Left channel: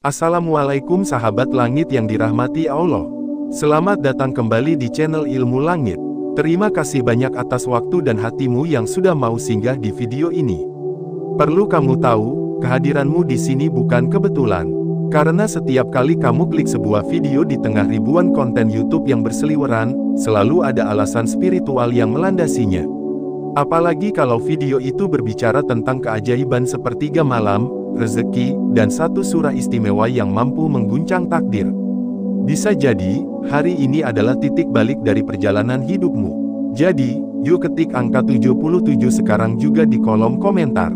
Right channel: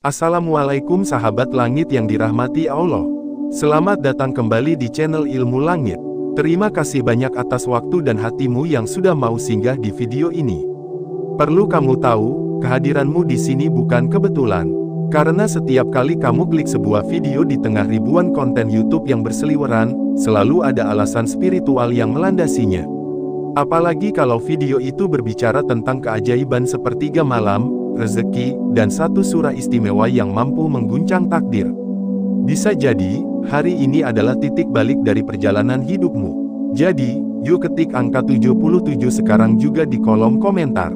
Assalamualaikum sahabat langit yang dirahmati Allah. Selamat datang kembali di channel Ilmu Langit. Terima kasih banyak atas waktu dan hatimu yang sudah mau singgah di video ini. Perlu kamu tahu, kehadiranmu di sini bukan kebetulan. Karena setiap kali kamu klik sebuah video di tengah ribuan konten YouTube yang berseliweran, selalu ada alasan spiritual yang melandasinya. Apalagi kalau video itu berbicara tentang keajaiban sepertiga malam, rezeki, dan satu surah istimewa yang mampu mengguncang takdir. Bisa jadi, hari ini adalah titik balik dari perjalanan hidupmu. Jadi, yuk ketik angka 77 sekarang juga di kolom komentar.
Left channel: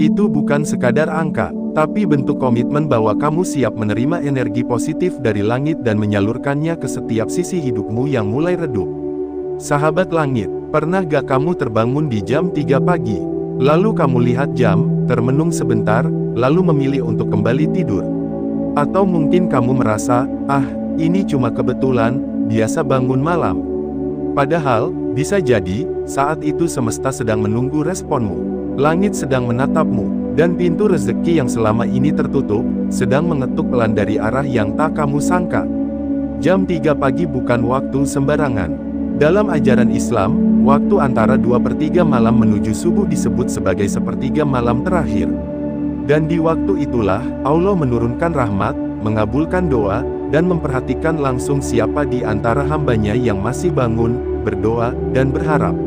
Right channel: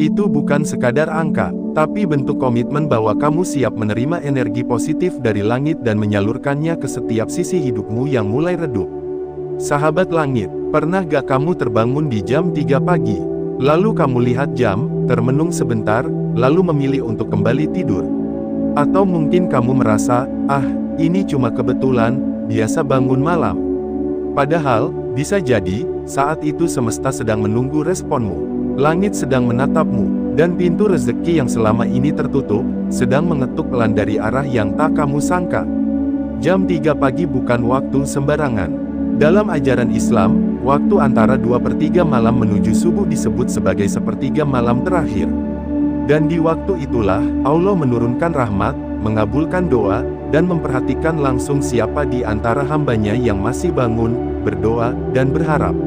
Itu bukan sekadar angka, tapi bentuk komitmen bahwa kamu siap menerima energi positif dari langit dan menyalurkannya ke setiap sisi hidupmu yang mulai redup. Sahabat langit, pernah gak kamu terbangun di jam 3 pagi? Lalu kamu lihat jam, termenung sebentar, lalu memilih untuk kembali tidur. Atau mungkin kamu merasa, ini cuma kebetulan, biasa bangun malam. Padahal, bisa jadi, saat itu semesta sedang menunggu responmu. Langit sedang menatapmu, dan pintu rezeki yang selama ini tertutup, sedang mengetuk pelan dari arah yang tak kamu sangka. Jam 3 pagi bukan waktu sembarangan. Dalam ajaran Islam, waktu antara 2/3 malam menuju subuh disebut sebagai sepertiga malam terakhir. Dan di waktu itulah, Allah menurunkan rahmat, mengabulkan doa, dan memperhatikan langsung siapa di antara hambanya yang masih bangun, berdoa, dan berharap.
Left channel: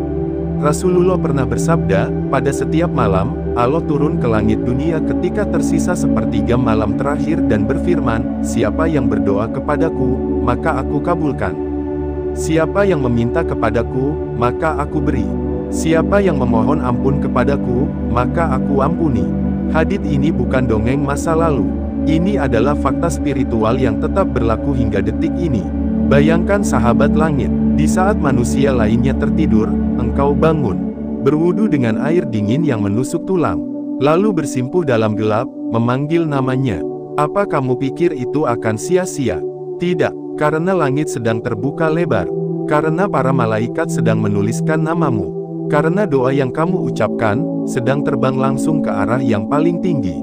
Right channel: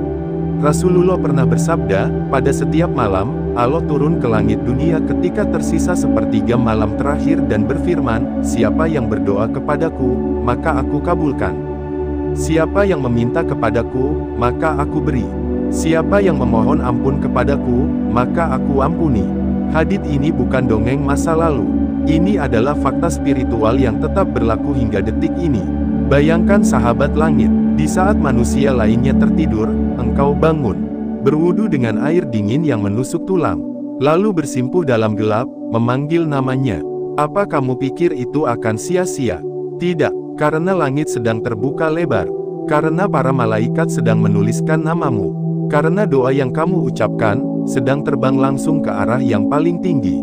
Rasulullah pernah bersabda, pada setiap malam, Allah turun ke langit dunia ketika tersisa sepertiga malam terakhir dan berfirman, siapa yang berdoa kepadaku, maka aku kabulkan. Siapa yang meminta kepadaku, maka aku beri. Siapa yang memohon ampun kepadaku, maka aku ampuni. Hadits ini bukan dongeng masa lalu. Ini adalah fakta spiritual yang tetap berlaku hingga detik ini. Bayangkan sahabat langit, di saat manusia lainnya tertidur, engkau bangun, berwudu dengan air dingin yang menusuk tulang, lalu bersimpuh dalam gelap, memanggil namanya. Apa kamu pikir itu akan sia-sia? Tidak. Karena langit sedang terbuka lebar, karena para malaikat sedang menuliskan namamu, karena doa yang kamu ucapkan, sedang terbang langsung ke arah yang paling tinggi.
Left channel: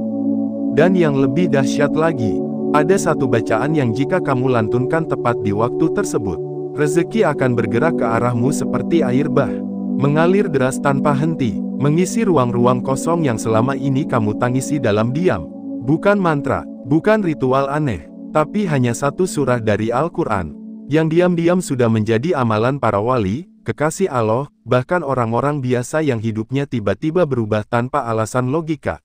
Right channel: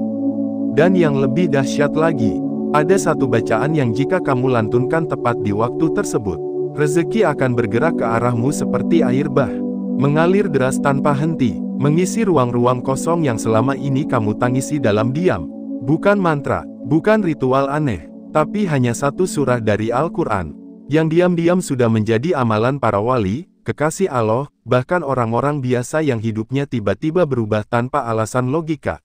Dan yang lebih dahsyat lagi, ada satu bacaan yang jika kamu lantunkan tepat di waktu tersebut, rezeki akan bergerak ke arahmu seperti air bah, mengalir deras tanpa henti, mengisi ruang-ruang kosong yang selama ini kamu tangisi dalam diam. Bukan mantra, bukan ritual aneh, tapi hanya satu surah dari Al-Quran, yang diam-diam sudah menjadi amalan para wali, kekasih Allah, bahkan orang-orang biasa yang hidupnya tiba-tiba berubah tanpa alasan logika.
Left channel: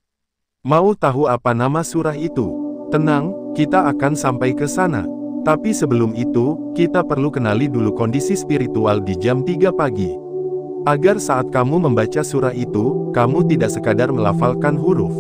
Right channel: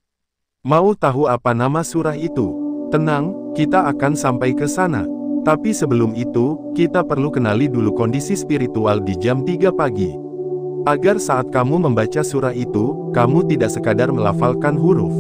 Mau tahu apa nama surah itu? Tenang, kita akan sampai ke sana. Tapi sebelum itu, kita perlu kenali dulu kondisi spiritual di jam 3 pagi. Agar saat kamu membaca surah itu, kamu tidak sekadar melafalkan huruf,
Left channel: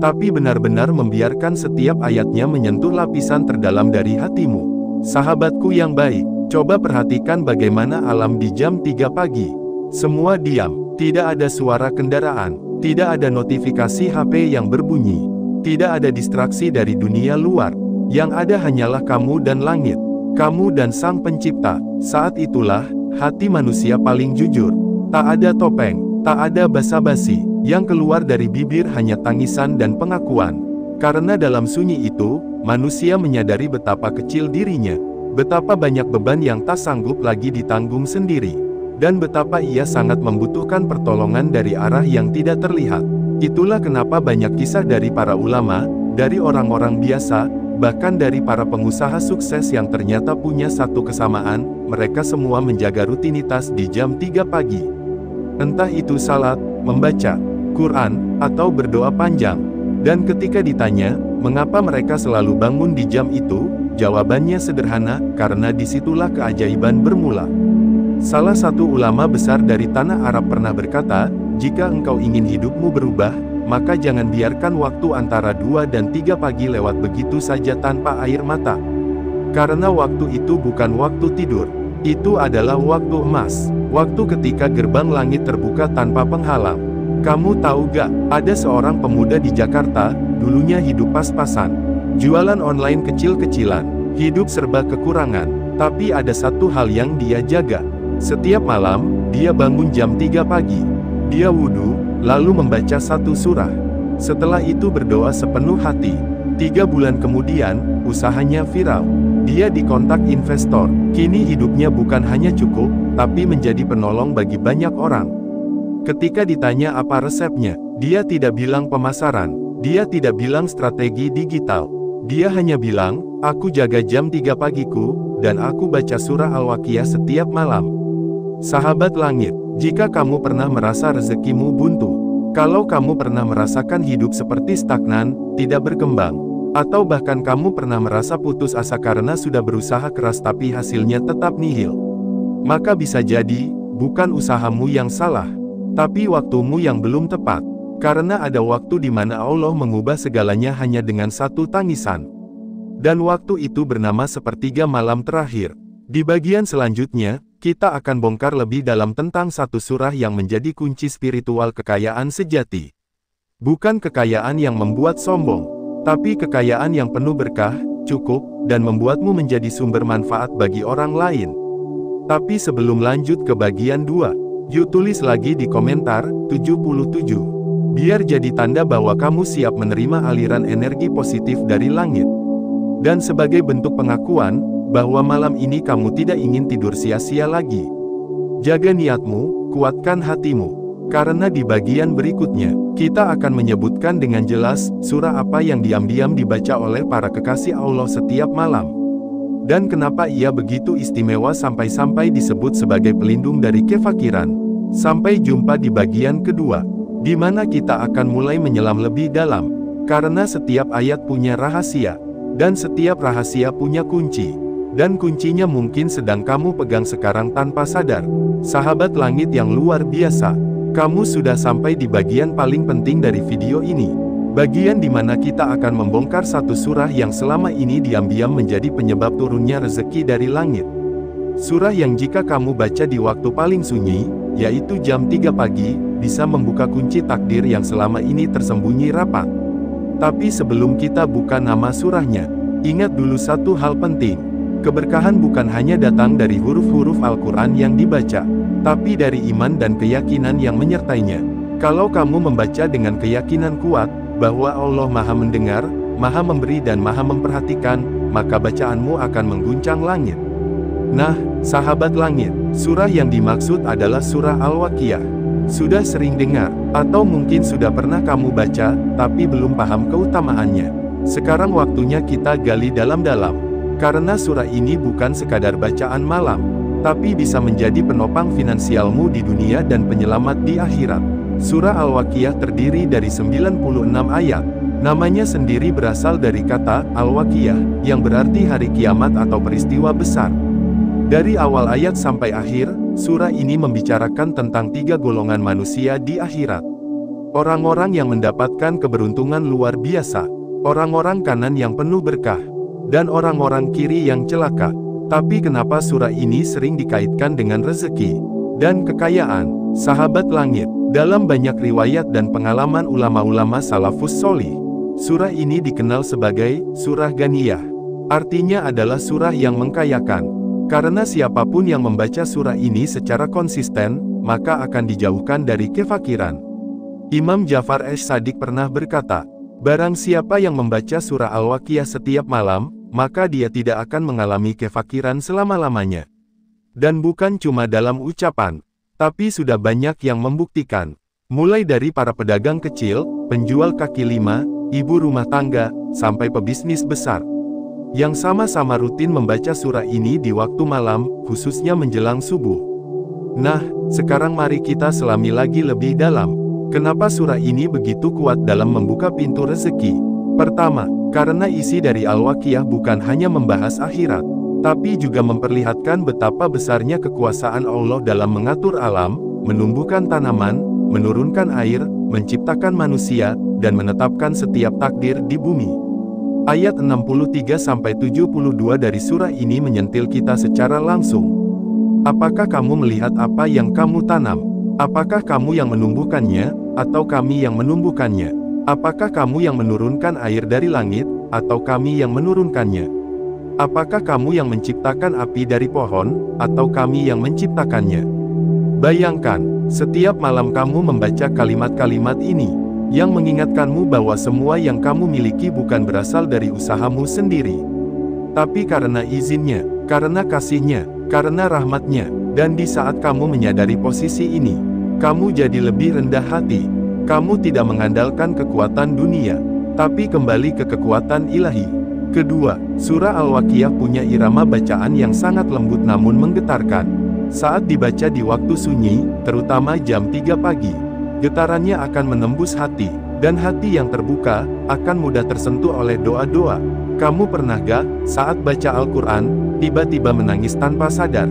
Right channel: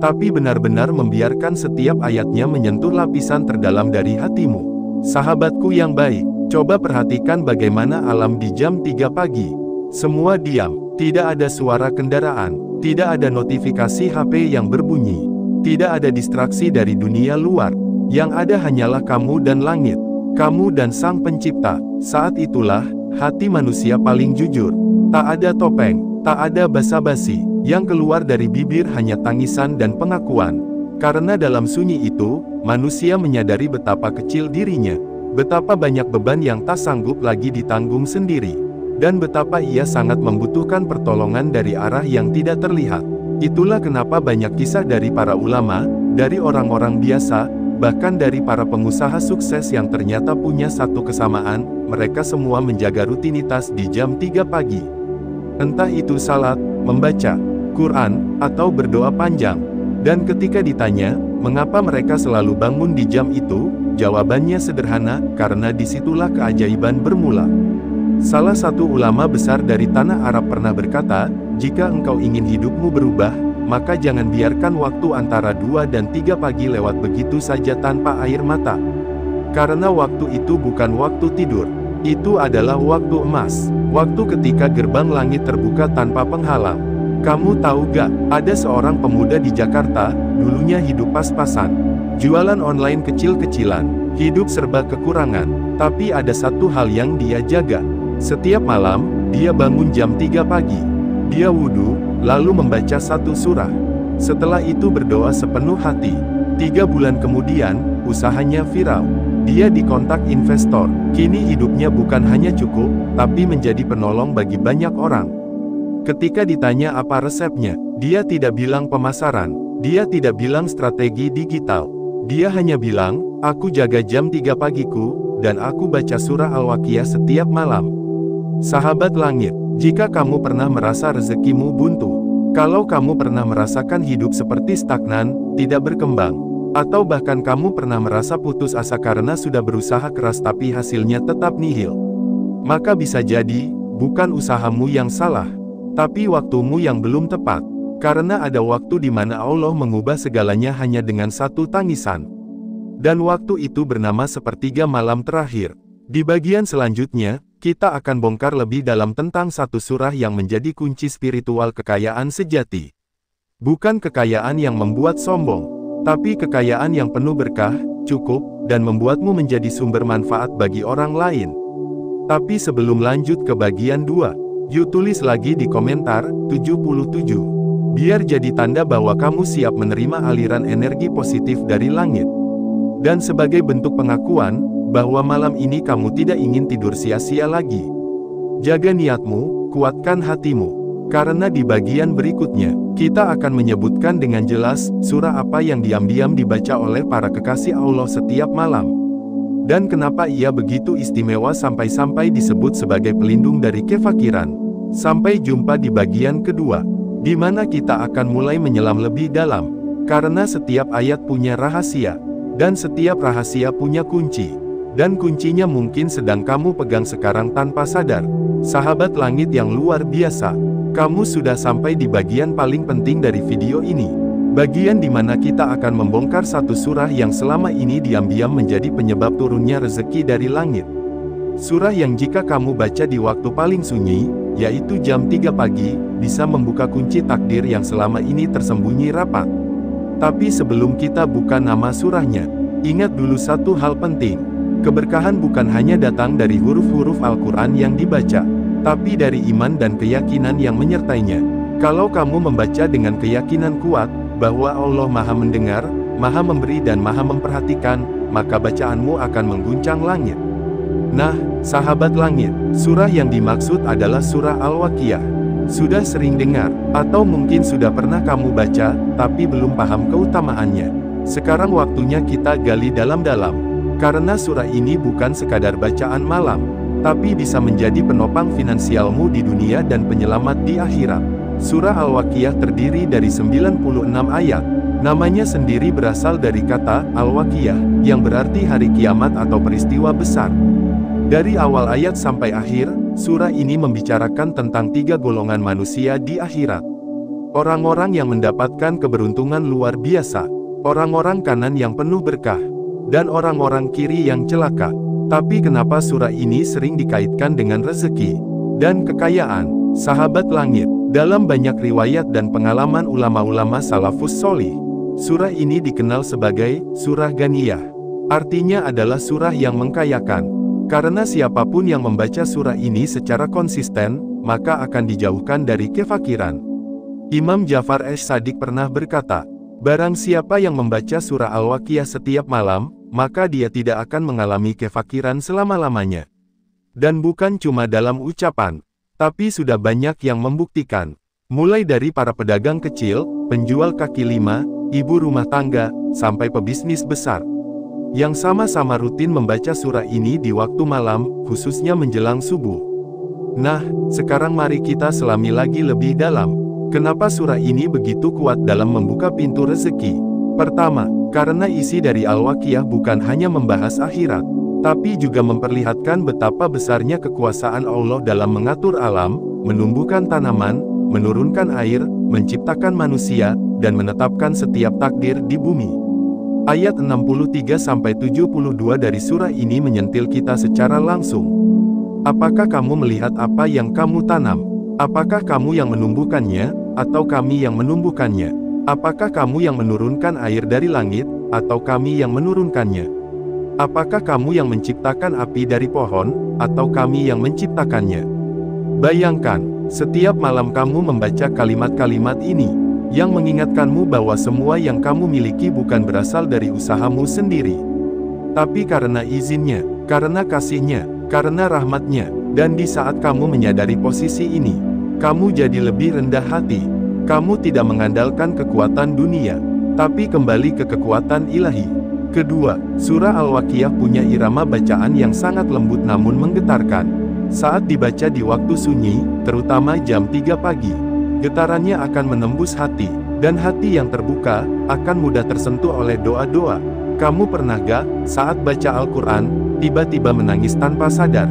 tapi benar-benar membiarkan setiap ayatnya menyentuh lapisan terdalam dari hatimu. Sahabatku yang baik, coba perhatikan bagaimana alam di jam 3 pagi. Semua diam, tidak ada suara kendaraan, tidak ada notifikasi HP yang berbunyi, tidak ada distraksi dari dunia luar. Yang ada hanyalah kamu dan langit, kamu dan Sang Pencipta. Saat itulah, hati manusia paling jujur. Tak ada topeng, tak ada basa-basi. Yang keluar dari bibir hanya tangisan dan pengakuan. Karena dalam sunyi itu, manusia menyadari betapa kecil dirinya, betapa banyak beban yang tak sanggup lagi ditanggung sendiri, dan betapa ia sangat membutuhkan pertolongan dari arah yang tidak terlihat. Itulah kenapa banyak kisah dari para ulama, dari orang-orang biasa, bahkan dari para pengusaha sukses yang ternyata punya satu kesamaan, mereka semua menjaga rutinitas di jam 3 pagi. Entah itu salat, membaca Quran, atau berdoa panjang. Dan ketika ditanya, mengapa mereka selalu bangun di jam itu, jawabannya sederhana, karena disitulah keajaiban bermula. Salah satu ulama besar dari tanah Arab pernah berkata, jika engkau ingin hidupmu berubah, maka jangan biarkan waktu antara 2 dan 3 pagi lewat begitu saja tanpa air mata. Karena waktu itu bukan waktu tidur. Itu adalah waktu emas, waktu ketika gerbang langit terbuka tanpa penghalang. Kamu tahu gak, ada seorang pemuda di Jakarta, dulunya hidup pas-pasan, jualan online kecil-kecilan, hidup serba kekurangan, tapi ada satu hal yang dia jaga. Setiap malam, dia bangun jam 3 pagi. Dia wudhu, lalu membaca satu surah. Setelah itu berdoa sepenuh hati. 3 bulan kemudian, usahanya viral. Dia dikontak investor. Kini hidupnya bukan hanya cukup, tapi menjadi penolong bagi banyak orang. Ketika ditanya apa resepnya, dia tidak bilang pemasaran. Dia tidak bilang strategi digital. Dia hanya bilang, aku jaga jam 3 pagiku, dan aku baca surah Al-Waqiah setiap malam. Sahabat langit, jika kamu pernah merasa rezekimu buntu, kalau kamu pernah merasakan hidup seperti stagnan, tidak berkembang, atau bahkan kamu pernah merasa putus asa karena sudah berusaha keras tapi hasilnya tetap nihil, maka bisa jadi, bukan usahamu yang salah, tapi waktumu yang belum tepat. Karena ada waktu di mana Allah mengubah segalanya hanya dengan satu tangisan. Dan waktu itu bernama sepertiga malam terakhir. Di bagian selanjutnya, kita akan bongkar lebih dalam tentang satu surah yang menjadi kunci spiritual kekayaan sejati. Bukan kekayaan yang membuat sombong, tapi kekayaan yang penuh berkah, cukup, dan membuatmu menjadi sumber manfaat bagi orang lain. Tapi sebelum lanjut ke bagian 2, yuk tulis lagi di komentar, 77. Biar jadi tanda bahwa kamu siap menerima aliran energi positif dari langit. Dan sebagai bentuk pengakuan, bahwa malam ini kamu tidak ingin tidur sia-sia lagi. Jaga niatmu, kuatkan hatimu. Karena di bagian berikutnya, kita akan menyebutkan dengan jelas, surah apa yang diam-diam dibaca oleh para kekasih Allah setiap malam. Dan kenapa ia begitu istimewa sampai-sampai disebut sebagai pelindung dari kefakiran. Sampai jumpa di bagian kedua, di mana kita akan mulai menyelam lebih dalam. Karena setiap ayat punya rahasia, dan setiap rahasia punya kunci. Dan kuncinya mungkin sedang kamu pegang sekarang tanpa sadar. Sahabat langit yang luar biasa, kamu sudah sampai di bagian paling penting dari video ini. Bagian di mana kita akan membongkar satu surah yang selama ini diam-diam menjadi penyebab turunnya rezeki dari langit. Surah yang jika kamu baca di waktu paling sunyi, yaitu jam 3 pagi, bisa membuka kunci takdir yang selama ini tersembunyi rapat. Tapi sebelum kita buka nama surahnya, ingat dulu satu hal penting. Keberkahan bukan hanya datang dari huruf-huruf Al-Quran yang dibaca, tapi dari iman dan keyakinan yang menyertainya. Kalau kamu membaca dengan keyakinan kuat, bahwa Allah Maha Mendengar, Maha Memberi dan Maha Memperhatikan, maka bacaanmu akan mengguncang langit. Nah, sahabat langit, surah yang dimaksud adalah surah Al-Waqiah. Sudah sering dengar, atau mungkin sudah pernah kamu baca, tapi belum paham keutamaannya. Sekarang waktunya kita gali dalam-dalam. Karena surah ini bukan sekadar bacaan malam, tapi bisa menjadi penopang finansialmu di dunia dan penyelamat di akhirat. Surah Al-Waqiah terdiri dari 96 ayat. Namanya sendiri berasal dari kata Al-Waqiah, yang berarti hari kiamat atau peristiwa besar. Dari awal ayat sampai akhir, surah ini membicarakan tentang 3 golongan manusia di akhirat. Orang-orang yang mendapatkan keberuntungan luar biasa, orang-orang kanan yang penuh berkah, dan orang-orang kiri yang celaka. Tapi kenapa surah ini sering dikaitkan dengan rezeki dan kekayaan? Sahabat langit, dalam banyak riwayat dan pengalaman ulama-ulama salafus solih, surah ini dikenal sebagai surah Ghaniyah. Artinya adalah surah yang mengkayakan. Karena siapapun yang membaca surah ini secara konsisten, maka akan dijauhkan dari kefakiran. Imam Ja'far Ash-Shadiq pernah berkata, barang siapa yang membaca surah Al-Waqiah setiap malam, maka dia tidak akan mengalami kefakiran selama-lamanya. Dan bukan cuma dalam ucapan, tapi sudah banyak yang membuktikan. Mulai dari para pedagang kecil, penjual kaki lima, ibu rumah tangga, sampai pebisnis besar, yang sama-sama rutin membaca surah ini di waktu malam, khususnya menjelang subuh. Nah, sekarang mari kita selami lagi lebih dalam. Kenapa surah ini begitu kuat dalam membuka pintu rezeki? Pertama, karena isi dari Al-Waqiah bukan hanya membahas akhirat, tapi juga memperlihatkan betapa besarnya kekuasaan Allah dalam mengatur alam, menumbuhkan tanaman, menurunkan air, menciptakan manusia, dan menetapkan setiap takdir di bumi. Ayat 63-72 dari surah ini menyentil kita secara langsung. Apakah kamu melihat apa yang kamu tanam? Apakah kamu yang menumbuhkannya, atau kami yang menumbuhkannya? Apakah kamu yang menurunkan air dari langit, atau kami yang menurunkannya? Apakah kamu yang menciptakan api dari pohon, atau kami yang menciptakannya? Bayangkan, setiap malam kamu membaca kalimat-kalimat ini. yang mengingatkanmu bahwa semua yang kamu miliki bukan berasal dari usahamu sendiri, tapi karena izinnya, karena kasihnya, karena rahmatnya. Dan di saat kamu menyadari posisi ini, kamu jadi lebih rendah hati. Kamu tidak mengandalkan kekuatan dunia, tapi kembali ke kekuatan ilahi. Kedua, surah Al-Waqiah punya irama bacaan yang sangat lembut namun menggetarkan. Saat dibaca di waktu sunyi, terutama jam 3 pagi, getarannya akan menembus hati, dan hati yang terbuka akan mudah tersentuh oleh doa-doa. Kamu pernah gak, saat baca Al-Quran, tiba-tiba menangis tanpa sadar?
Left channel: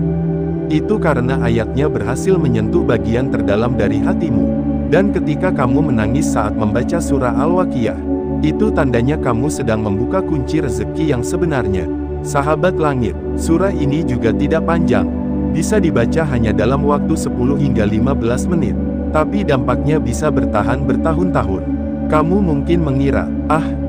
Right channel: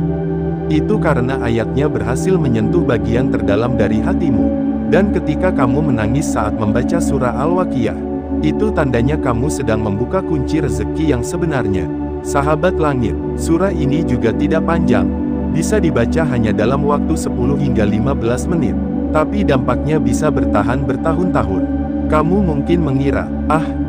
Itu karena ayatnya berhasil menyentuh bagian terdalam dari hatimu. Dan ketika kamu menangis saat membaca surah Al-Waqiah, itu tandanya kamu sedang membuka kunci rezeki yang sebenarnya. Sahabat langit, surah ini juga tidak panjang. Bisa dibaca hanya dalam waktu 10 hingga 15 menit. Tapi dampaknya bisa bertahan bertahun-tahun. Kamu mungkin mengira,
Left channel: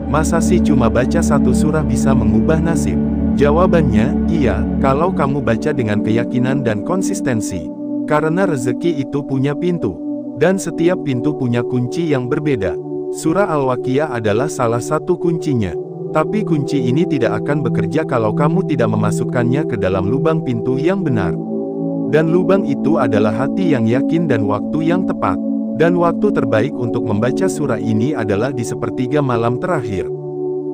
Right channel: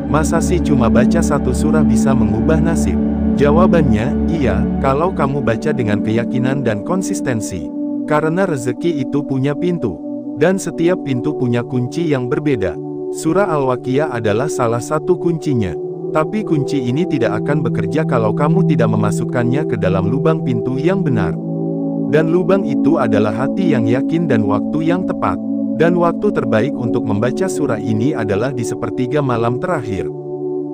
masa sih cuma baca satu surah bisa mengubah nasib? Jawabannya, iya, kalau kamu baca dengan keyakinan dan konsistensi. Karena rezeki itu punya pintu, dan setiap pintu punya kunci yang berbeda. Surah Al-Waqiah adalah salah satu kuncinya. Tapi kunci ini tidak akan bekerja kalau kamu tidak memasukkannya ke dalam lubang pintu yang benar. Dan lubang itu adalah hati yang yakin dan waktu yang tepat. Dan waktu terbaik untuk membaca surah ini adalah di sepertiga malam terakhir,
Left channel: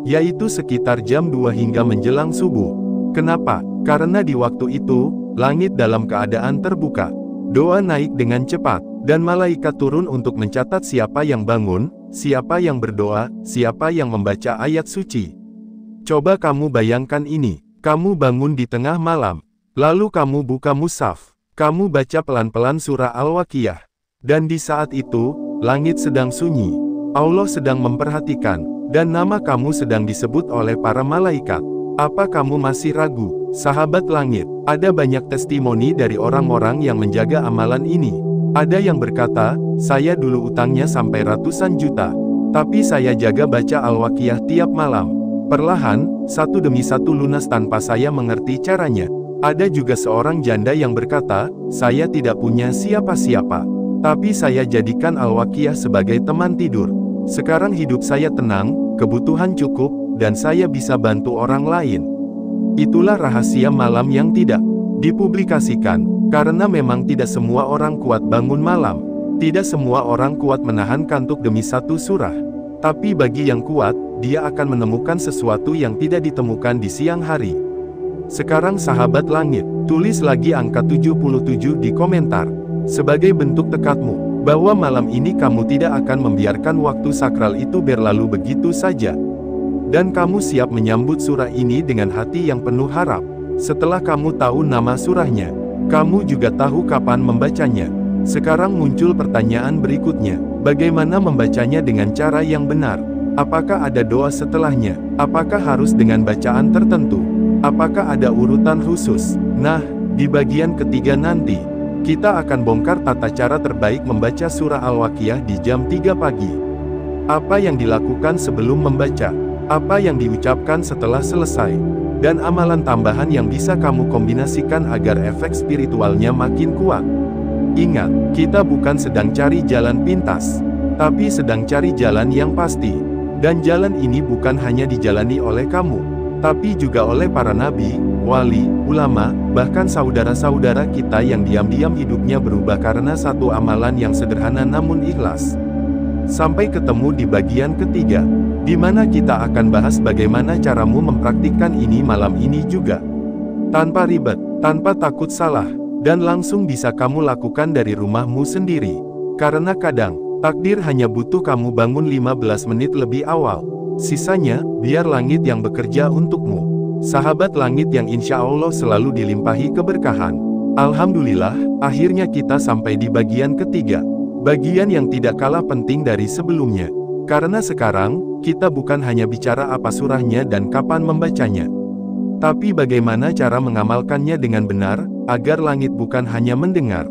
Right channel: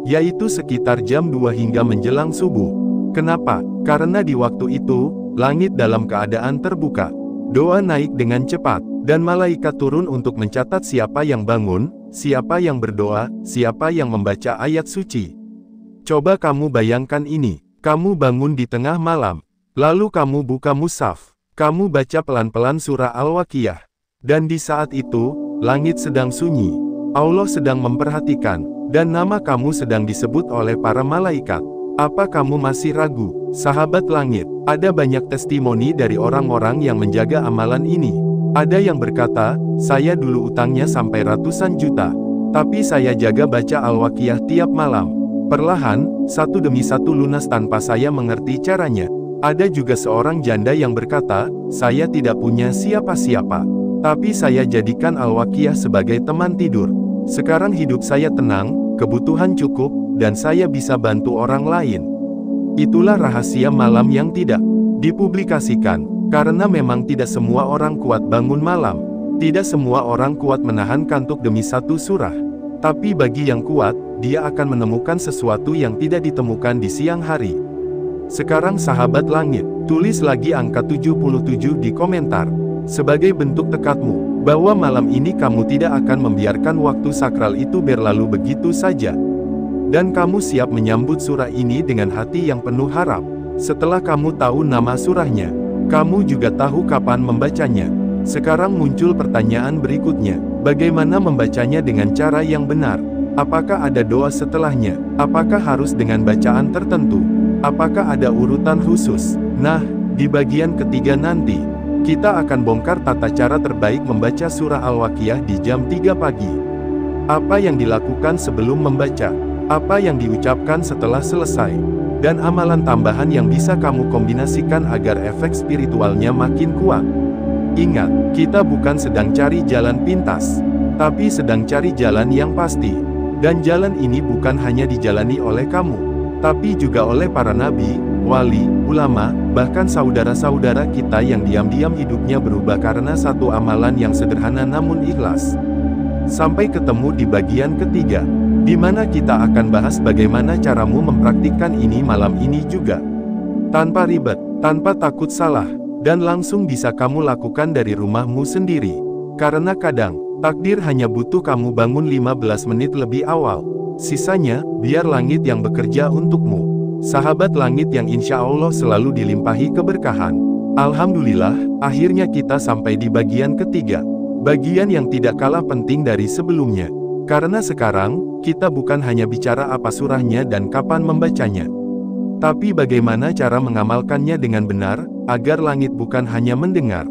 yaitu sekitar jam 2 hingga menjelang subuh. Kenapa? Karena di waktu itu, langit dalam keadaan terbuka. Doa naik dengan cepat, dan malaikat turun untuk mencatat siapa yang bangun, siapa yang berdoa, siapa yang membaca ayat suci. Coba kamu bayangkan ini, kamu bangun di tengah malam, lalu kamu buka mushaf, kamu baca pelan-pelan surah Al-Waqiah. Dan di saat itu, langit sedang sunyi, Allah sedang memperhatikan, dan nama kamu sedang disebut oleh para malaikat. Apa kamu masih ragu, sahabat langit? Ada banyak testimoni dari orang-orang yang menjaga amalan ini. Ada yang berkata, saya dulu utangnya sampai ratusan juta, tapi saya jaga baca Al-Waqiah tiap malam. Perlahan, satu demi satu lunas tanpa saya mengerti caranya. Ada juga seorang janda yang berkata, saya tidak punya siapa-siapa, tapi saya jadikan Al-Waqiah sebagai teman tidur. Sekarang hidup saya tenang, kebutuhan cukup, dan saya bisa bantu orang lain. Itulah rahasia malam yang tidak dipublikasikan. Karena memang tidak semua orang kuat bangun malam. Tidak semua orang kuat menahan kantuk demi satu surah. Tapi bagi yang kuat, dia akan menemukan sesuatu yang tidak ditemukan di siang hari. Sekarang sahabat langit, tulis lagi angka 77 di komentar. Sebagai bentuk tekadmu, bahwa malam ini kamu tidak akan membiarkan waktu sakral itu berlalu begitu saja. Dan kamu siap menyambut surah ini dengan hati yang penuh harap. Setelah kamu tahu nama surahnya, kamu juga tahu kapan membacanya. Sekarang muncul pertanyaan berikutnya, bagaimana membacanya dengan cara yang benar? Apakah ada doa setelahnya? Apakah harus dengan bacaan tertentu? Apakah ada urutan khusus? Nah, di bagian ketiga nanti, kita akan bongkar tata cara terbaik membaca surah Al-Waqiah di jam 3 pagi. Apa yang dilakukan sebelum membaca? Apa yang diucapkan setelah selesai? Dan amalan tambahan yang bisa kamu kombinasikan agar efek spiritualnya makin kuat. Ingat, kita bukan sedang cari jalan pintas, tapi sedang cari jalan yang pasti. Dan jalan ini bukan hanya dijalani oleh kamu, tapi juga oleh para nabi, wali, ulama, bahkan saudara-saudara kita yang diam-diam hidupnya berubah karena satu amalan yang sederhana namun ikhlas. Sampai ketemu di bagian ketiga, di mana kita akan bahas bagaimana caramu mempraktikkan ini malam ini juga. Tanpa ribet, tanpa takut salah, dan langsung bisa kamu lakukan dari rumahmu sendiri. Karena kadang, takdir hanya butuh kamu bangun 15 menit lebih awal. Sisanya, biar langit yang bekerja untukmu. Sahabat langit yang insya Allah selalu dilimpahi keberkahan. Alhamdulillah, akhirnya kita sampai di bagian ketiga. Bagian yang tidak kalah penting dari sebelumnya. Karena sekarang, kita bukan hanya bicara apa surahnya dan kapan membacanya, tapi bagaimana cara mengamalkannya dengan benar, agar langit bukan hanya mendengar,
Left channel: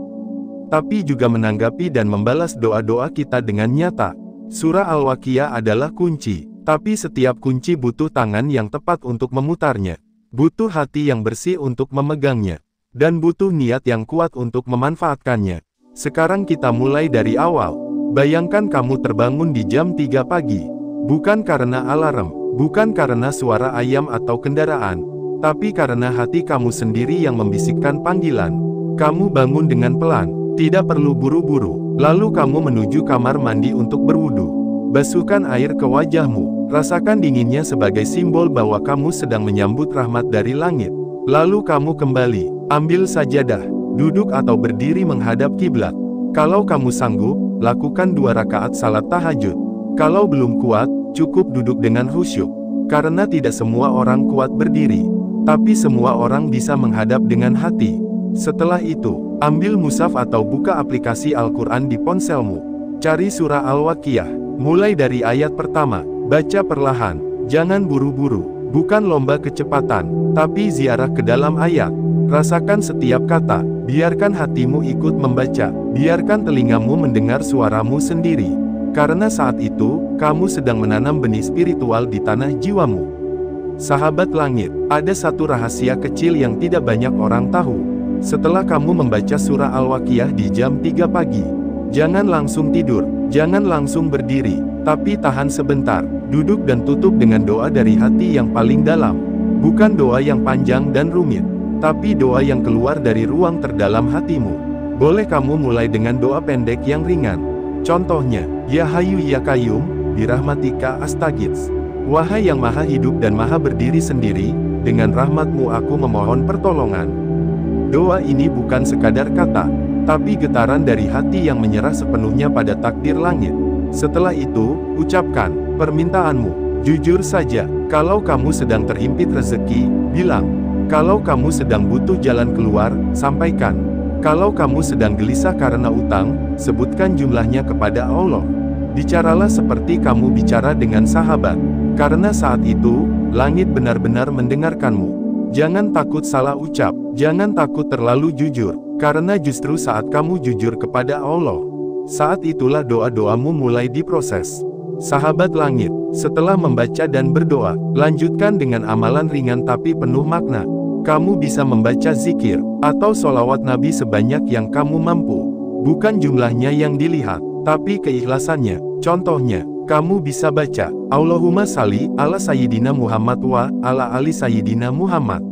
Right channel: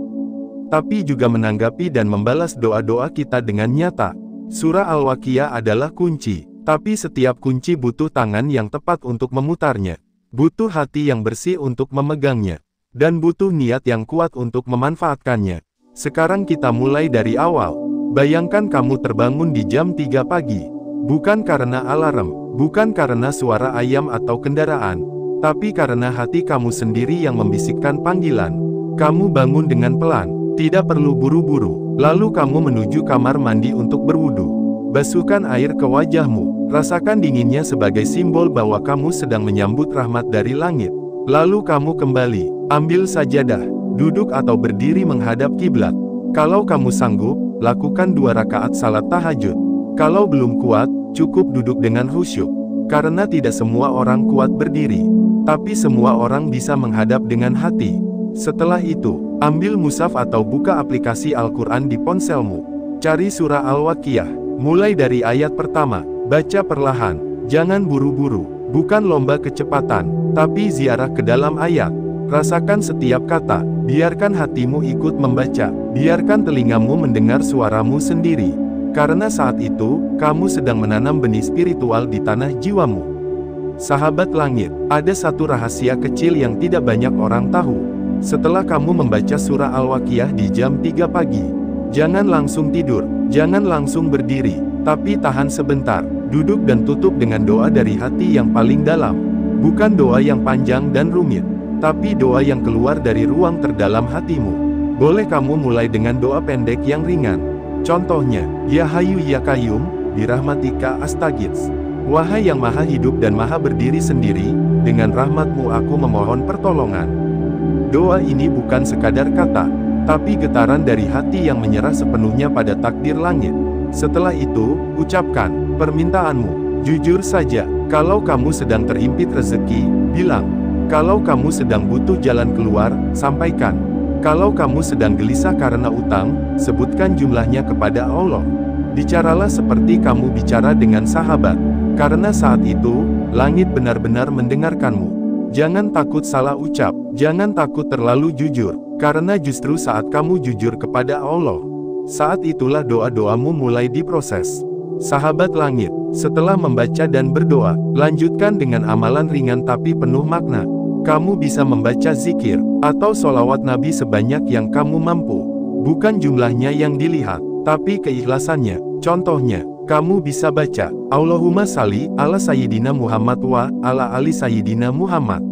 tapi juga menanggapi dan membalas doa-doa kita dengan nyata. Surah Al-Waqiah adalah kunci, tapi setiap kunci butuh tangan yang tepat untuk memutarnya, butuh hati yang bersih untuk memegangnya, dan butuh niat yang kuat untuk memanfaatkannya. Sekarang kita mulai dari awal. Bayangkan kamu terbangun di jam 3 pagi. Bukan karena alarm, bukan karena suara ayam atau kendaraan, tapi karena hati kamu sendiri yang membisikkan panggilan. Kamu bangun dengan pelan, tidak perlu buru-buru, lalu kamu menuju kamar mandi untuk berwudu. Basuhkan air ke wajahmu, rasakan dinginnya sebagai simbol bahwa kamu sedang menyambut rahmat dari langit. Lalu kamu kembali, ambil sajadah, duduk atau berdiri menghadap kiblat. Kalau kamu sanggup, lakukan 2 rakaat salat tahajud. Kalau belum kuat, cukup duduk dengan khusyuk. Karena tidak semua orang kuat berdiri, tapi semua orang bisa menghadap dengan hati. Setelah itu, ambil mushaf atau buka aplikasi Al-Quran di ponselmu. Cari surah Al-Waqiah, mulai dari ayat pertama, baca perlahan, jangan buru-buru, bukan lomba kecepatan, tapi ziarah ke dalam ayat. Rasakan setiap kata, biarkan hatimu ikut membaca, biarkan telingamu mendengar suaramu sendiri. Karena saat itu, kamu sedang menanam benih spiritual di tanah jiwamu. Sahabat langit, ada satu rahasia kecil yang tidak banyak orang tahu. Setelah kamu membaca surah Al-Waqiah di jam 3 pagi, jangan langsung tidur, jangan langsung berdiri, tapi tahan sebentar, duduk dan tutup dengan doa dari hati yang paling dalam. Bukan doa yang panjang dan rumit, tapi doa yang keluar dari ruang terdalam hatimu. Boleh kamu mulai dengan doa pendek yang ringan. Contohnya, Ya Hayyu Ya Qayyum, birahmatika astaghits. Wahai yang maha hidup dan maha berdiri sendiri, dengan rahmatmu aku memohon pertolongan. Doa ini bukan sekadar kata, tapi getaran dari hati yang menyerah sepenuhnya pada takdir langit. Setelah itu, ucapkan permintaanmu. Jujur saja, kalau kamu sedang terhimpit rezeki, bilang. Kalau kamu sedang butuh jalan keluar, sampaikan. Kalau kamu sedang gelisah karena utang, sebutkan jumlahnya kepada Allah. Bicaralah seperti kamu bicara dengan sahabat, karena saat itu, langit benar-benar mendengarkanmu. Jangan takut salah ucap, jangan takut terlalu jujur, karena justru saat kamu jujur kepada Allah, saat itulah doa-doamu mulai diproses. Sahabat langit, setelah membaca dan berdoa, lanjutkan dengan amalan ringan tapi penuh makna. Kamu bisa membaca zikir, atau sholawat Nabi sebanyak yang kamu mampu. Bukan jumlahnya yang dilihat, tapi keikhlasannya. Contohnya, kamu bisa baca, Allahumma shalli ala Sayyidina Muhammad wa ala ali Sayyidina Muhammad.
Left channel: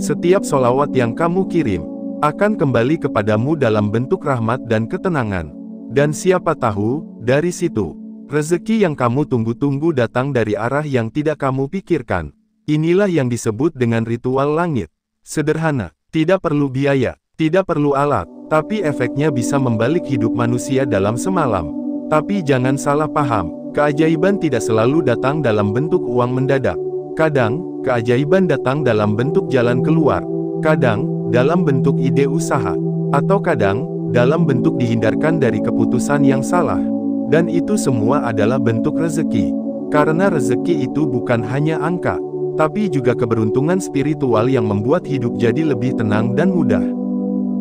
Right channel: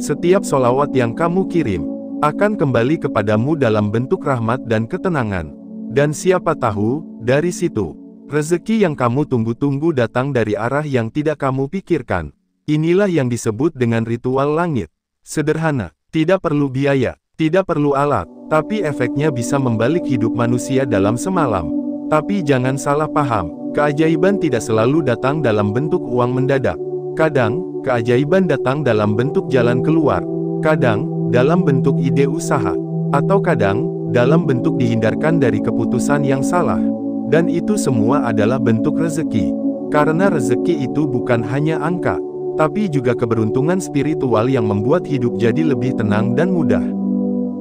Setiap sholawat yang kamu kirim, akan kembali kepadamu dalam bentuk rahmat dan ketenangan. Dan siapa tahu, dari situ, rezeki yang kamu tunggu-tunggu datang dari arah yang tidak kamu pikirkan. Inilah yang disebut dengan ritual langit. Sederhana, tidak perlu biaya, tidak perlu alat, tapi efeknya bisa membalik hidup manusia dalam semalam. Tapi jangan salah paham, keajaiban tidak selalu datang dalam bentuk uang mendadak. Kadang, keajaiban datang dalam bentuk jalan keluar. Kadang, dalam bentuk ide usaha. Atau kadang, dalam bentuk dihindarkan dari keputusan yang salah. Dan itu semua adalah bentuk rezeki. Karena rezeki itu bukan hanya angka, tapi juga keberuntungan spiritual yang membuat hidup jadi lebih tenang dan mudah.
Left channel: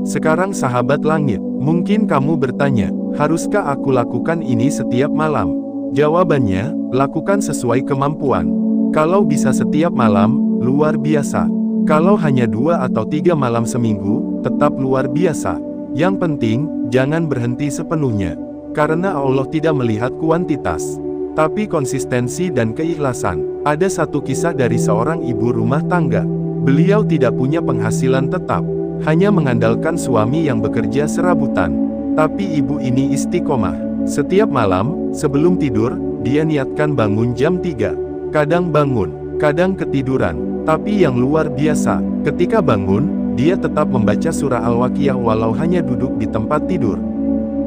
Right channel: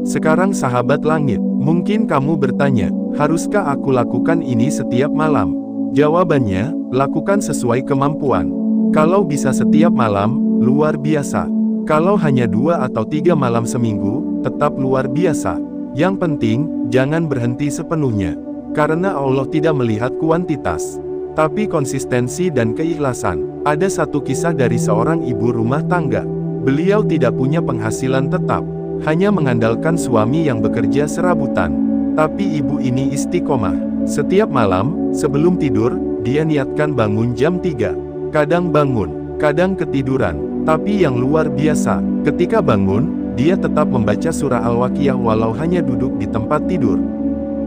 Sekarang sahabat langit, mungkin kamu bertanya, haruskah aku lakukan ini setiap malam? Jawabannya, lakukan sesuai kemampuan. Kalau bisa setiap malam, luar biasa. Kalau hanya 2 atau 3 malam seminggu, tetap luar biasa. Yang penting, jangan berhenti sepenuhnya. Karena Allah tidak melihat kuantitas, tapi konsistensi dan keikhlasan. Ada satu kisah dari seorang ibu rumah tangga. Beliau tidak punya penghasilan tetap, hanya mengandalkan suami yang bekerja serabutan. Tapi ibu ini istiqomah. Setiap malam, sebelum tidur, dia niatkan bangun jam 3. Kadang bangun, kadang ketiduran. Tapi yang luar biasa, ketika bangun, dia tetap membaca surah Al-Waqiah walau hanya duduk di tempat tidur.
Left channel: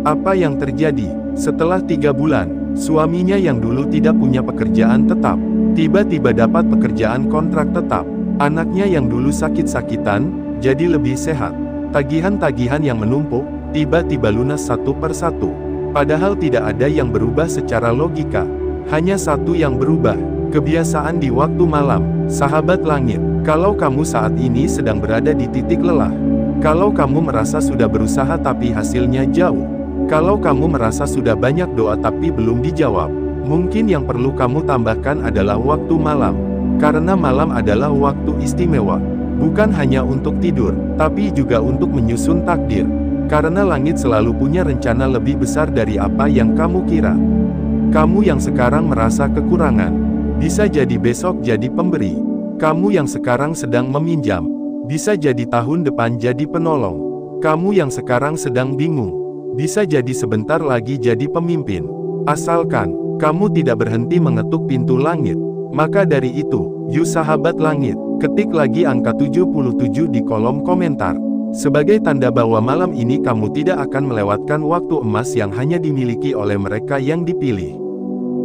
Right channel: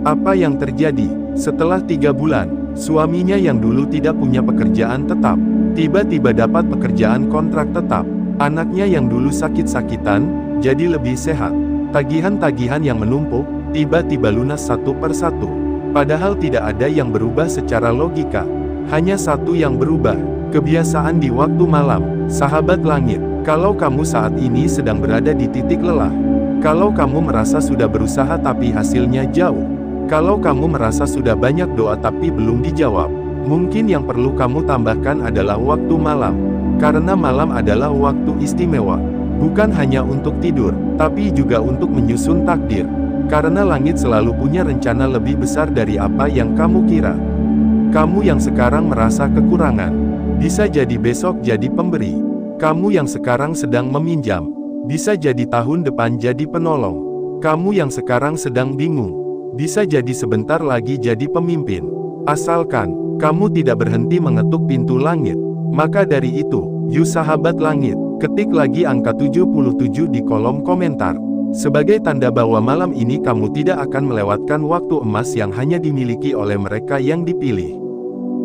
Apa yang terjadi? Setelah 3 bulan, suaminya yang dulu tidak punya pekerjaan tetap, tiba-tiba dapat pekerjaan kontrak tetap. Anaknya yang dulu sakit-sakitan, jadi lebih sehat. Tagihan-tagihan yang menumpuk, tiba-tiba lunas satu persatu. Padahal tidak ada yang berubah secara logika. Hanya satu yang berubah, kebiasaan di waktu malam. Sahabat langit, kalau kamu saat ini sedang berada di titik lelah, kalau kamu merasa sudah berusaha tapi hasilnya jauh, kalau kamu merasa sudah banyak doa tapi belum dijawab, mungkin yang perlu kamu tambahkan adalah waktu malam. Karena malam adalah waktu istimewa. Bukan hanya untuk tidur, tapi juga untuk menyusun takdir. Karena langit selalu punya rencana lebih besar dari apa yang kamu kira. Kamu yang sekarang merasa kekurangan, bisa jadi besok jadi pemberi. Kamu yang sekarang sedang meminjam, bisa jadi tahun depan jadi penolong. Kamu yang sekarang sedang bingung, bisa jadi sebentar lagi jadi pemimpin. Asalkan kamu tidak berhenti mengetuk pintu langit. Maka dari itu, yuk sahabat langit, ketik lagi angka 77 di kolom komentar. Sebagai tanda bahwa malam ini kamu tidak akan melewatkan waktu emas yang hanya dimiliki oleh mereka yang dipilih.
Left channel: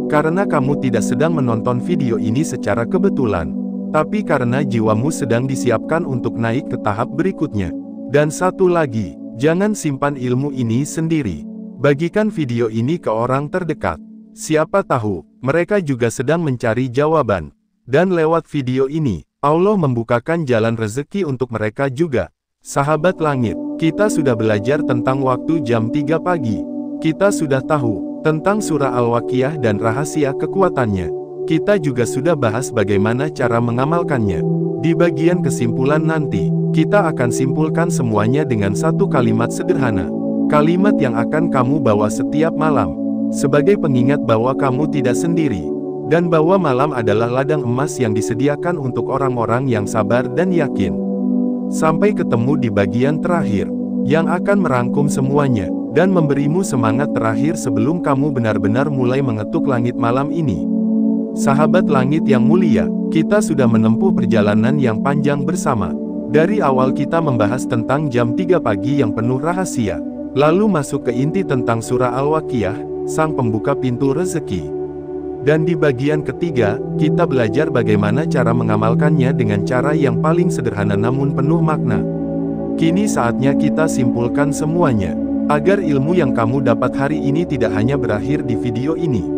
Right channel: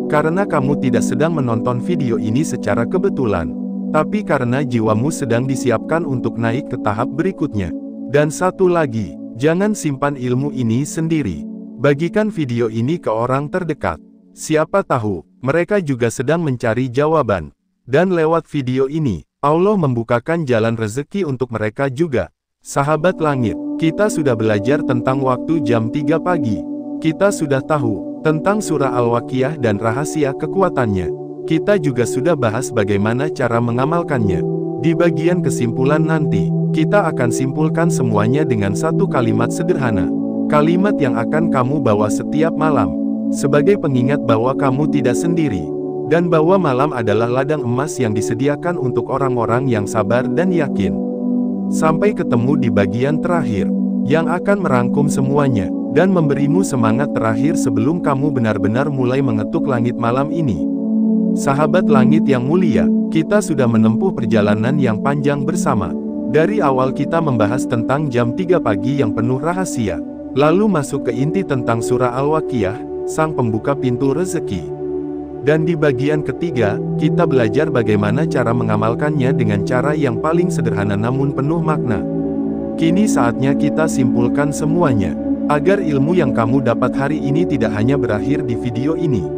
Karena kamu tidak sedang menonton video ini secara kebetulan, tapi karena jiwamu sedang disiapkan untuk naik ke tahap berikutnya. Dan satu lagi, jangan simpan ilmu ini sendiri. Bagikan video ini ke orang terdekat. Siapa tahu, mereka juga sedang mencari jawaban. Dan lewat video ini, Allah membukakan jalan rezeki untuk mereka juga. Sahabat langit, kita sudah belajar tentang waktu jam 3 pagi. Kita sudah tahu tentang surah Al-Waqiah dan rahasia kekuatannya. Kita juga sudah bahas bagaimana cara mengamalkannya. Di bagian kesimpulan nanti, kita akan simpulkan semuanya dengan satu kalimat sederhana. Kalimat yang akan kamu bawa setiap malam, sebagai pengingat bahwa kamu tidak sendiri, dan bahwa malam adalah ladang emas yang disediakan untuk orang-orang yang sabar dan yakin. Sampai ketemu di bagian terakhir, yang akan merangkum semuanya, dan memberimu semangat terakhir sebelum kamu benar-benar mulai mengetuk langit malam ini. Sahabat langit yang mulia, kita sudah menempuh perjalanan yang panjang bersama. Dari awal kita membahas tentang jam 3 pagi yang penuh rahasia, lalu masuk ke inti tentang surah Al-Waqiah, sang pembuka pintu rezeki. Dan di bagian ketiga, kita belajar bagaimana cara mengamalkannya dengan cara yang paling sederhana namun penuh makna. Kini saatnya kita simpulkan semuanya, agar ilmu yang kamu dapat hari ini tidak hanya berakhir di video ini,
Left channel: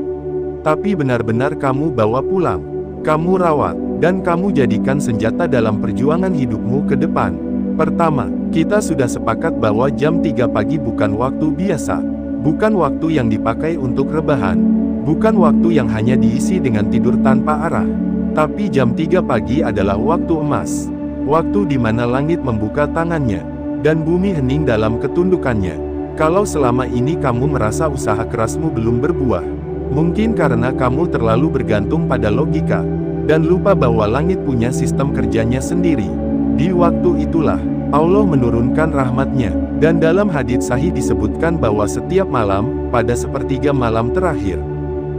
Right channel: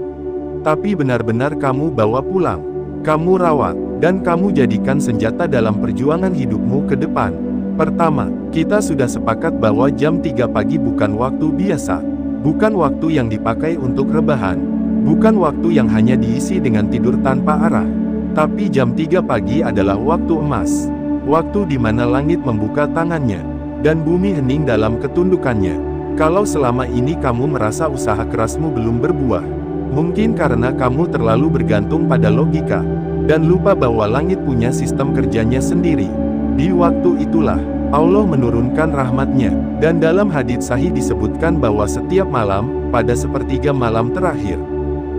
tapi benar-benar kamu bawa pulang, kamu rawat, dan kamu jadikan senjata dalam perjuangan hidupmu ke depan. Pertama, kita sudah sepakat bahwa jam 3 pagi bukan waktu biasa, bukan waktu yang dipakai untuk rebahan. Bukan waktu yang hanya diisi dengan tidur tanpa arah. Tapi jam 3 pagi adalah waktu emas. Waktu di mana langit membuka tangannya, dan bumi hening dalam ketundukannya. Kalau selama ini kamu merasa usaha kerasmu belum berbuah, mungkin karena kamu terlalu bergantung pada logika, dan lupa bahwa langit punya sistem kerjanya sendiri. Di waktu itulah, Allah menurunkan rahmatnya, dan dalam hadits sahih disebutkan bahwa setiap malam, pada sepertiga malam terakhir,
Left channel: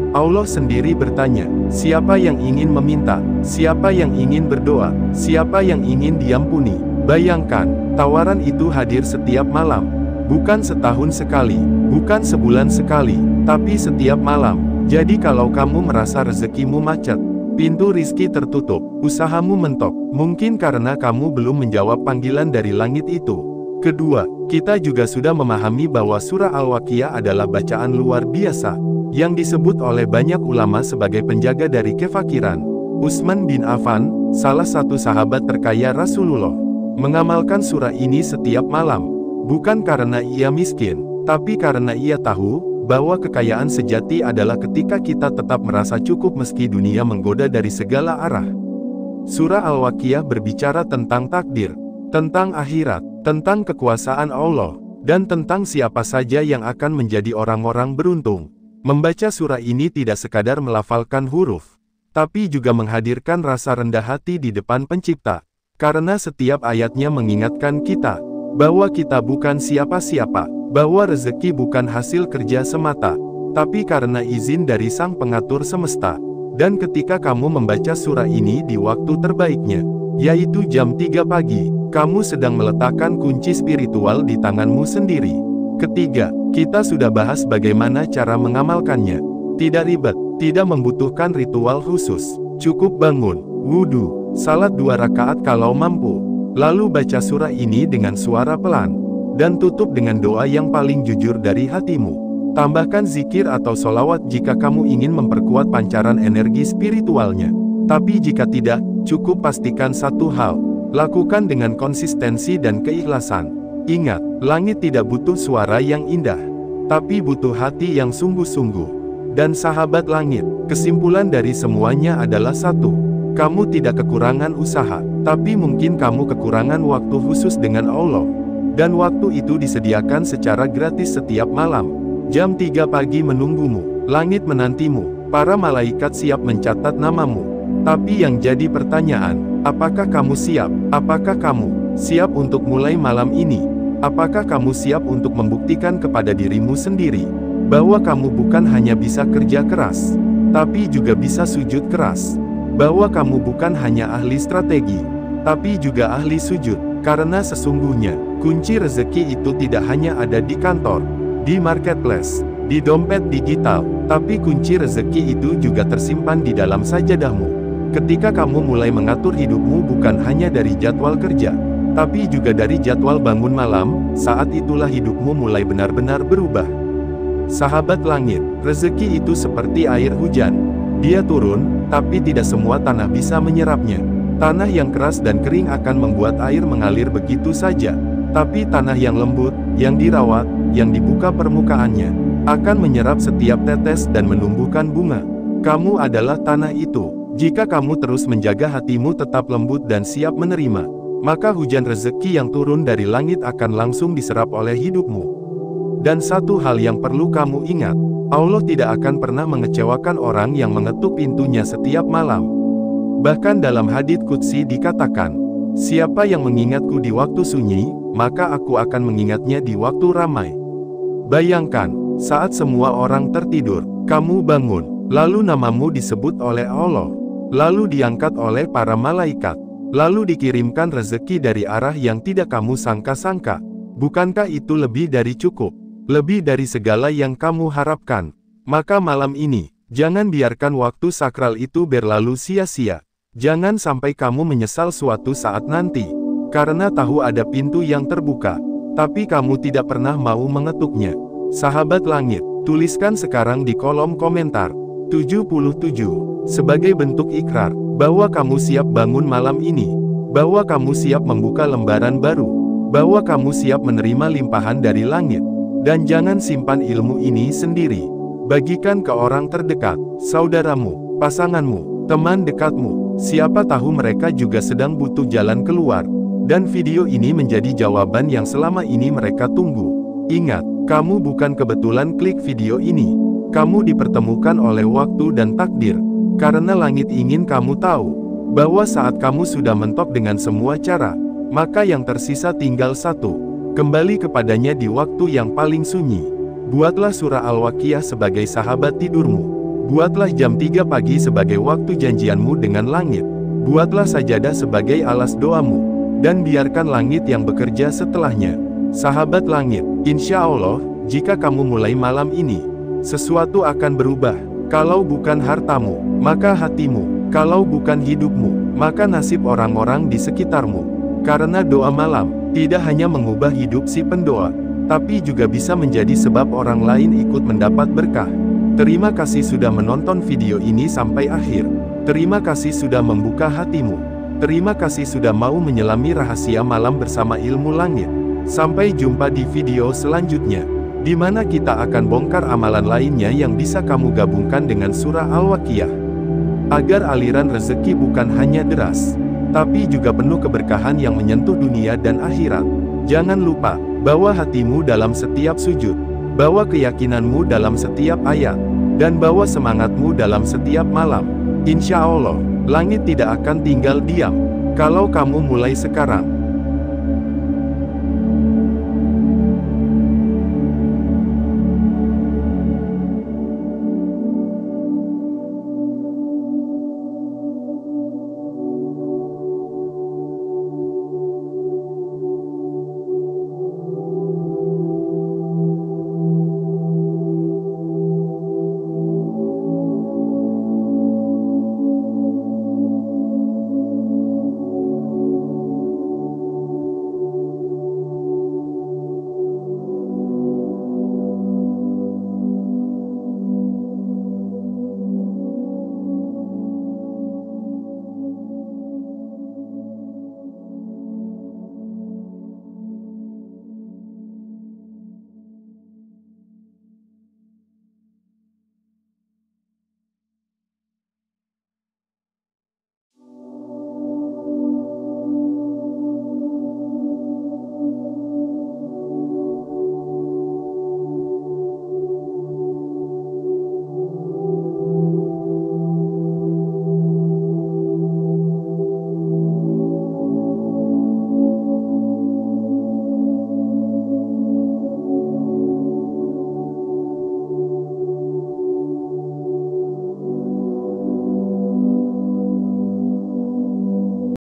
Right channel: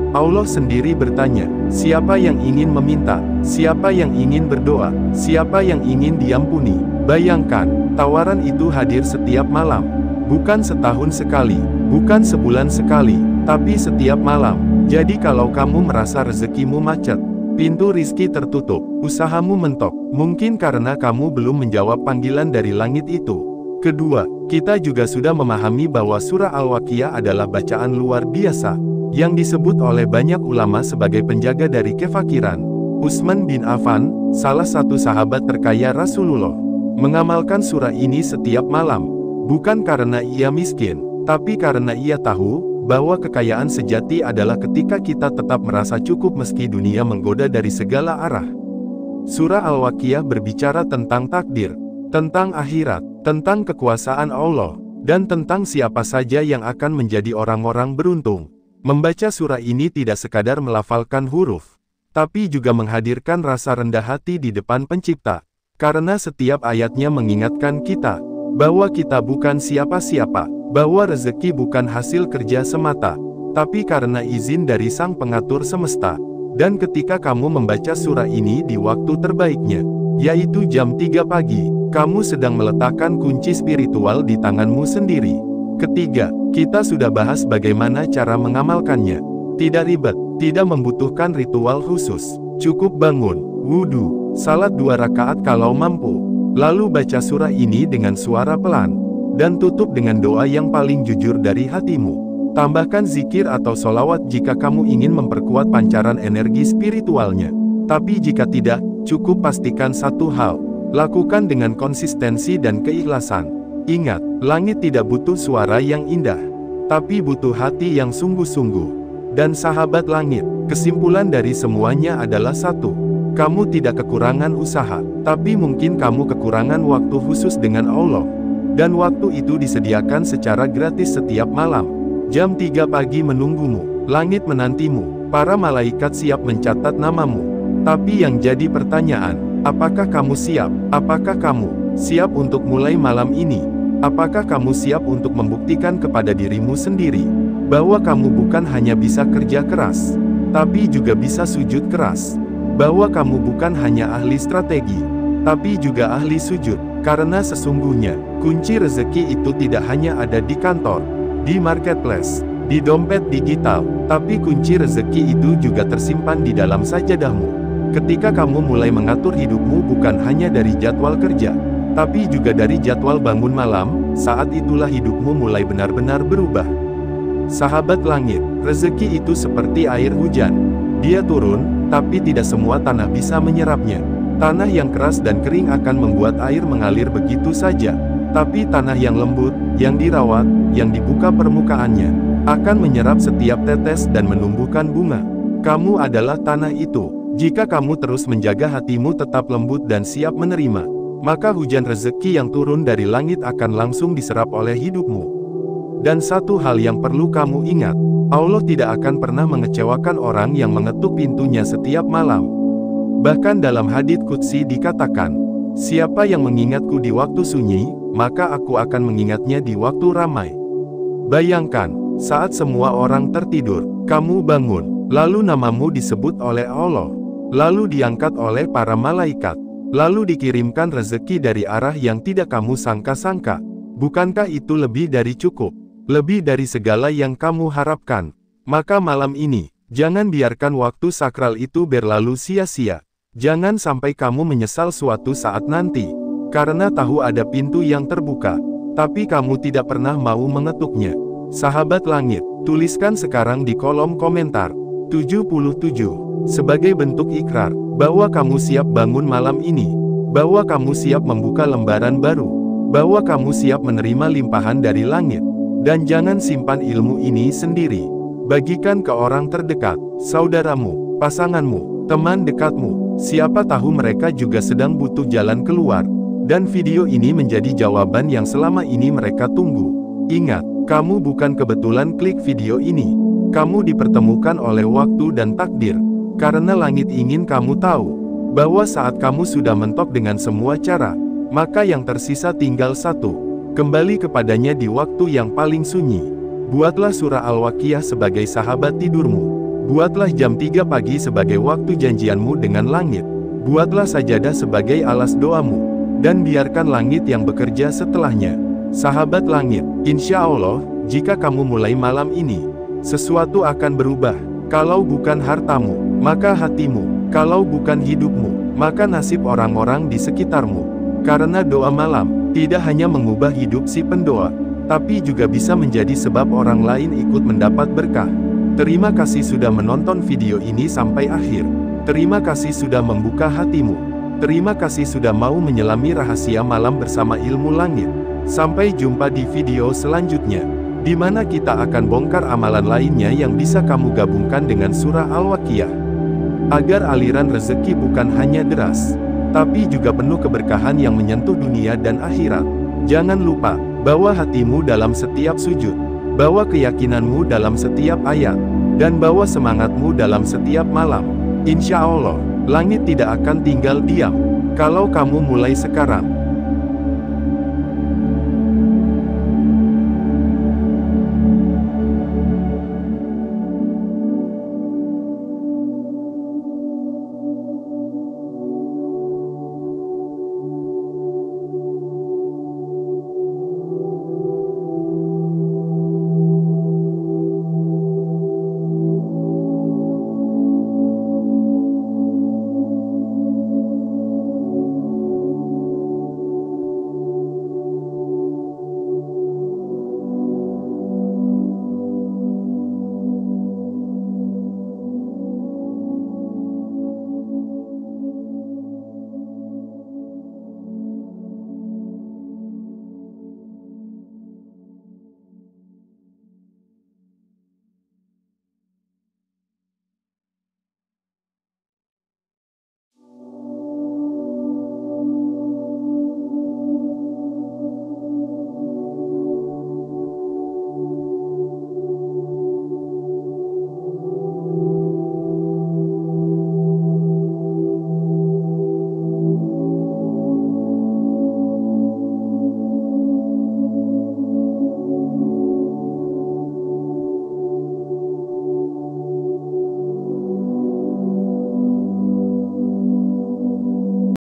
Allah sendiri bertanya, siapa yang ingin meminta, siapa yang ingin berdoa, siapa yang ingin diampuni. Bayangkan, tawaran itu hadir setiap malam. Bukan setahun sekali, bukan sebulan sekali, tapi setiap malam. Jadi kalau kamu merasa rezekimu macet, pintu rizki tertutup, usahamu mentok, mungkin karena kamu belum menjawab panggilan dari langit itu. Kedua, kita juga sudah memahami bahwa surah Al-Waqiah adalah bacaan luar biasa, yang disebut oleh banyak ulama sebagai penjaga dari kefakiran. Utsman bin Affan, salah satu sahabat terkaya Rasulullah, mengamalkan surah ini setiap malam, bukan karena ia miskin, tapi karena ia tahu bahwa kekayaan sejati adalah ketika kita tetap merasa cukup meski dunia menggoda dari segala arah. Surah Al-Waqiah berbicara tentang takdir, tentang akhirat, tentang kekuasaan Allah, dan tentang siapa saja yang akan menjadi orang-orang beruntung. Membaca surah ini tidak sekadar melafalkan huruf, tapi juga menghadirkan rasa rendah hati di depan Pencipta, karena setiap ayatnya mengingatkan kita bahwa kita bukan siapa-siapa, bahwa rezeki bukan hasil kerja semata, tapi karena izin dari Sang Pengatur Semesta. Dan ketika kamu membaca surah ini di waktu terbaiknya, yaitu jam 3 pagi, kamu sedang meletakkan kunci spiritual di tanganmu sendiri. Ketiga, kita sudah bahas bagaimana cara mengamalkannya. Tidak ribet, tidak membutuhkan ritual khusus. Cukup bangun, wudhu, salat 2 rakaat kalau mampu. Lalu baca surah ini dengan suara pelan, dan tutup dengan doa yang paling jujur dari hatimu. Tambahkan zikir atau solawat jika kamu ingin memperkuat pancaran energi spiritualnya. Tapi jika tidak, cukup pastikan satu hal, lakukan dengan konsistensi dan keikhlasan. Ingat, langit tidak butuh suara yang indah, tapi butuh hati yang sungguh-sungguh. Dan sahabat langit, kesimpulan dari semuanya adalah satu. Kamu tidak kekurangan usaha, tapi mungkin kamu kekurangan waktu khusus dengan Allah. Dan waktu itu disediakan secara gratis setiap malam. Jam 3 pagi menunggumu, langit menantimu, para malaikat siap mencatat namamu. Tapi yang jadi pertanyaan, apakah kamu siap? Apakah kamu siap untuk mulai malam ini? Apakah kamu siap untuk membuktikan kepada dirimu sendiri bahwa kamu bukan hanya bisa kerja keras, tapi juga bisa sujud keras? Bahwa kamu bukan hanya ahli strategi, tapi juga ahli sujud? Karena sesungguhnya, kunci rezeki itu tidak hanya ada di kantor, di marketplace, di dompet digital, tapi kunci rezeki itu juga tersimpan di dalam sajadahmu. Ketika kamu mulai mengatur hidupmu bukan hanya dari jadwal kerja, tapi juga dari jadwal bangun malam, saat itulah hidupmu mulai benar-benar berubah. Sahabat langit, rezeki itu seperti air hujan. Dia turun, tapi tidak semua tanah bisa menyerapnya. Tanah yang keras dan kering akan membuat air mengalir begitu saja. Tapi tanah yang lembut, yang dirawat, yang dibuka permukaannya, akan menyerap setiap tetes dan menumbuhkan bunga. Kamu adalah tanah itu. Jika kamu terus menjaga hatimu tetap lembut dan siap menerima, maka hujan rezeki yang turun dari langit akan langsung diserap oleh hidupmu. Dan satu hal yang perlu kamu ingat, Allah tidak akan pernah mengecewakan orang yang mengetuk pintunya setiap malam. Bahkan dalam hadits qudsi dikatakan, siapa yang mengingatku di waktu sunyi, maka aku akan mengingatnya di waktu ramai. Bayangkan, saat semua orang tertidur, kamu bangun, lalu namamu disebut oleh Allah, lalu diangkat oleh para malaikat, lalu dikirimkan rezeki dari arah yang tidak kamu sangka-sangka. Bukankah itu lebih dari cukup? Lebih dari segala yang kamu harapkan? Maka malam ini, jangan biarkan waktu sakral itu berlalu sia-sia. Jangan sampai kamu menyesal suatu saat nanti, karena tahu ada pintu yang terbuka, tapi kamu tidak pernah mau mengetuknya. Sahabat langit, tuliskan sekarang di kolom komentar 77 sebagai bentuk ikrar bahwa kamu siap bangun malam ini, bahwa kamu siap membuka lembaran baru, bahwa kamu siap menerima limpahan dari langit. Dan jangan simpan ilmu ini sendiri. Bagikan ke orang terdekat, saudaramu, pasanganmu, teman dekatmu. Siapa tahu mereka juga sedang butuh jalan keluar. Dan video ini menjadi jawaban yang selama ini mereka tunggu. Ingat, kamu bukan kebetulan klik video ini. Kamu dipertemukan oleh waktu dan takdir. Karena langit ingin kamu tahu bahwa saat kamu sudah mentok dengan semua cara, maka yang tersisa tinggal satu. Kembali kepadanya di waktu yang paling sunyi. Buatlah surah Al-Waqiah sebagai sahabat tidurmu. Buatlah jam 3 pagi sebagai waktu janjianmu dengan langit. Buatlah sajadah sebagai alas doamu. Dan biarkan langit yang bekerja setelahnya. Sahabat langit, insya Allah, jika kamu mulai malam ini, sesuatu akan berubah. Kalau bukan hartamu, maka hatimu. Kalau bukan hidupmu, maka nasib orang-orang di sekitarmu. Karena doa malam tidak hanya mengubah hidup si pendoa, tapi juga bisa menjadi sebab orang lain ikut mendapat berkah. Terima kasih sudah menonton video ini sampai akhir. Terima kasih sudah membuka hatimu. Terima kasih sudah mau menyelami rahasia malam bersama ilmu langit. Sampai jumpa di video selanjutnya, di mana kita akan bongkar amalan lainnya yang bisa kamu gabungkan dengan surah Al-Waqiah. Agar aliran rezeki bukan hanya deras, tapi juga penuh keberkahan yang menyentuh dunia dan akhirat. Jangan lupa, bawa hatimu dalam setiap sujud, bawa keyakinanmu dalam setiap ayat, dan bawa semangatmu dalam setiap malam. Insya Allah, langit tidak akan tinggal diam. Kalau kamu mulai sekarang,